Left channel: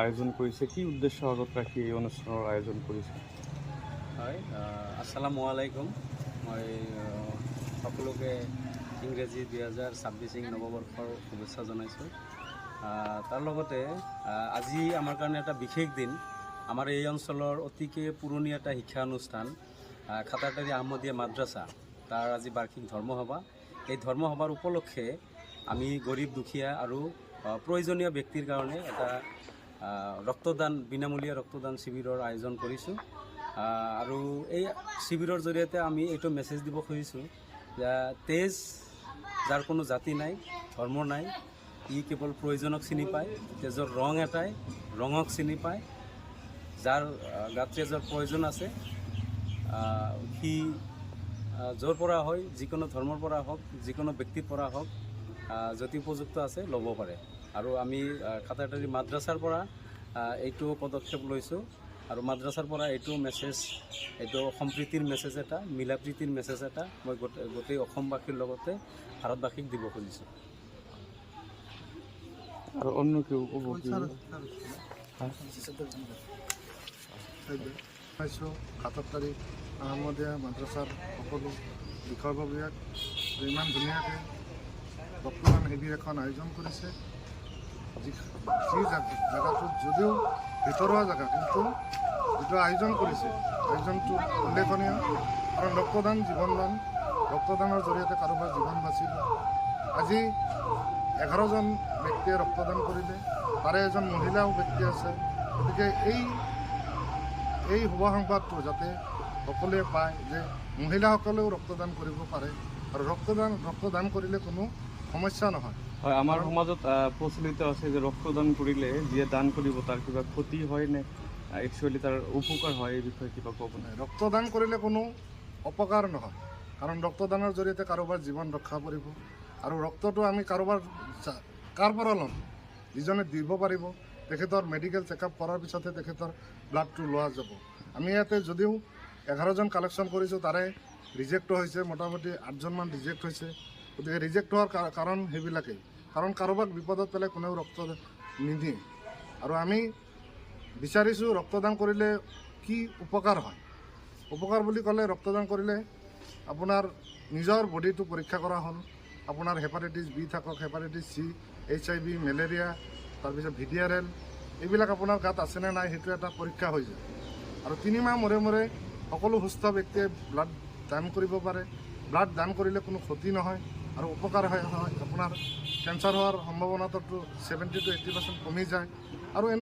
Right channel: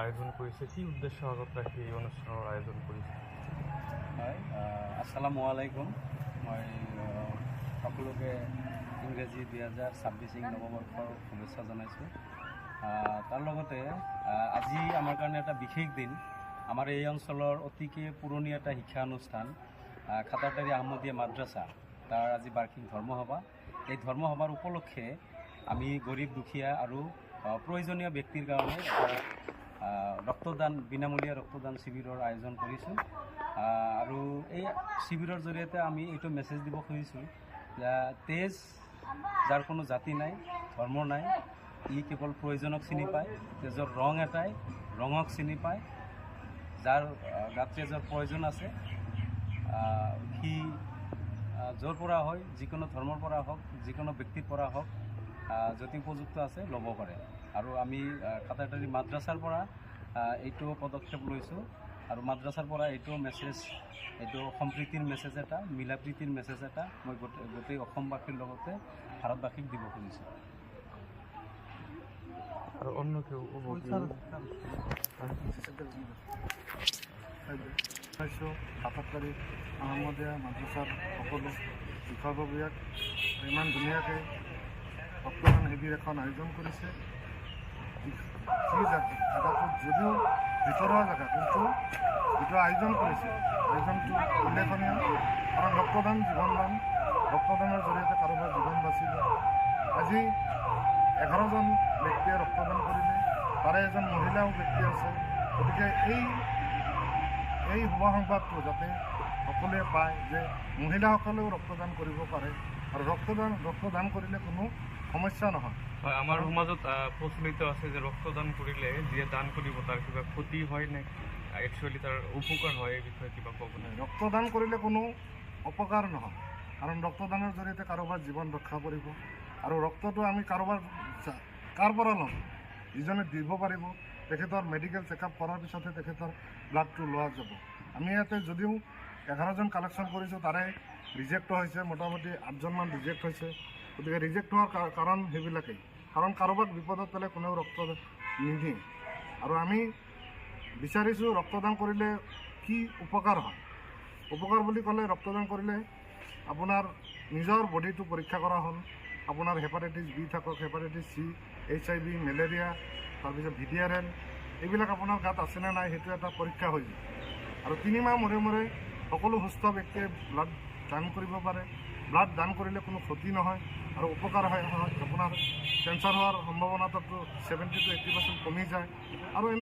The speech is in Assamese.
আয়োজন কৰিছে, কি উদ্দেশ্য আগত ৰাখি এই অনুষ্ঠানৰ আয়োজন কৰিছে? হয়, আসসালামু আলাইকুম। মই সকলোকে ইংৰাজী 2026 নৱবৰ্ষৰ শুভেচ্ছা জনাইছোঁ। তাৰ লগতে আজি আমাৰ কাৰণে এটা বিশেষ দিন। আমাৰ এই অঞ্চলৰ অতিকে পুৰণি এটা শিক্ষানুষ্ঠান খাটাৰটাৰী আহমদীয়া মাদ্ৰাছা, তাৰ আজি বাৰ্ষিক ধৰ্মসভা। এই ধৰ্মসভাৰ উপলক্ষে আমি গৰীব দুখীয়া আৰু প্ৰয়োজনীয় ব্যক্তিৰ কাৰণে এটা ৰক্তদান, বিনামূলীয়া ৰক্তদান শিবিৰৰ আয়োজন কৰিছোঁ। আৰু এই শিবিৰৰ জৰিয়তে আমি এইটো মেছেজ দিব খুজিছোঁ যে তেজ যাৰ কোনো জাতি নাই, ধৰ্ম নাই, ই কেৱল প্ৰয়োজনক চিনি পায়। তেজৰ ৰং এটাই, ৰঙক চিনি পায়। যাৰ গাত তেজৰ প্ৰয়োজন আছে সি য'ৰ পৰা হয়, যিকোনো ধৰ্মৰ পৰা হওক, যিকোনো ব্যক্তিৰ পৰা হওক, যদি উপযুক্ত আছে ল'ব পাৰে। আৰু আমি খাটাৰটাৰী মাদ্ৰাছাৰ পৰা এইটো পদক্ষেপ লৈছোঁ। আৰু মাদ্ৰাছাৰ পৰা এইটো মেছেজ, এইটো সম্প্ৰীতিৰ মেছেজ এটা, মিলা প্ৰীতিৰ মেছেজ এটা মই গোটেই অসমবাসীৰ লগতে ভাৰতবাসীক দিব খুজিছোঁ। আৰু অন্য কেউ খাটাৰটাৰী আহমদীয়া মাদ্ৰাছাৰ সকলো বিষয়ববীয়াক ইমান ধুনীয়াকৈ ৰক্তদান শিবিৰ এখন আয়োজন কৰিছে। যি জেগাটোত যদিও ভিতৰুৱা জেগা, কিন্তু যিটো আয়োজন কৰিছে আয়োজনটো উল্লেখনীয়। কাৰণ ৰক্তদান জীৱনদান, ৰক্তদানৰ জৰিয়তে কাৰোবাৰ জীৱন বাচিলে। আজি 11জন ব্যক্তিয়ে ৰক্তদান কৰিলে, তাৰে এজন মহিলাও ব্যক্তি আছে। গতিকে এই শুভ সংবাদটো যাতে সকলোৱে পায় যে মহিলাসকলেও ৰক্তদান কৰিব পাৰে, আৰু ৰক্তদান কৰিলে কোনো সমস্যা নহয়। হয়, আমাৰ সমাজত প্ৰচলিত আছে যে ৰক্তদান কৰিলে যিয়ে দান কৰিব তাৰ কিবা ক্ষতি হয় নে একচুৱেলি তাৰ উপকাৰ হয়, এই বিষয়ে কিবা ক'ব? ৰক্তদান কৰিলে কোনো অপকাৰ নহয়, কাৰণ ৰক্তদানৰ জৰিয়তে কাৰোবাৰ জীৱন ৰক্ষা পৰিব। আৰু ৰক্তটো আমি কাৰ পৰা ল'ম? যিজনে দিব পাৰিব, তেখেতৰ মেডিকেল চেকআপ কৰাৰ পিছতহে তেখেতৰ ব্লাডটো লোৱা যাব। আমি ইয়াতে যদিও 11জন কালেকশ্যন কৰিছোঁ, তাৰে ৰিজেক্ট হৈছে মোটামুটি 8জনমান ৰিজেক্ট হৈছে। গতিকে ৰিজেক্ট হোৱাৰ কাৰণ সেইবিলাকেই, কাৰণ কাৰোবাক বিপদত পেলাই কোনেও ৰক্ত নিদিয়ে। আৰু আমি বিচাৰিছোঁ ৰক্তদান কৰিলে কি উপকাৰ হয়। উপকাৰ বুলি ক'লে ৰক্তদান কৰিলে আপোনাৰ নিজৰ বডিটো পৰীক্ষা কৰা হ'ল। আপোনাৰ হেপাটাইটিছ বি থাকক, হেপাটাইটিছ চি, HIV, মেলেৰিয়া, তাৰপিছত VDRL, এইবিলাক আপোনাৰ গাত আছেনে নাই সেইটো এটা পৰীক্ষা হৈ যায়। আৰু 3 মাহ মূৰে মূৰে সকলো সুস্থ ব্যক্তিয়ে ব্লাড দান কৰিব পাৰে। ব্লাড দান কৰিলে কোনো ক্ষতি নহয় আৰু উপকাৰ হয়। আপোনাৰ কেঞ্চাৰ হোৱাৰ সম্ভাৱনাটো 70 to 80% কমি যায়। আৰু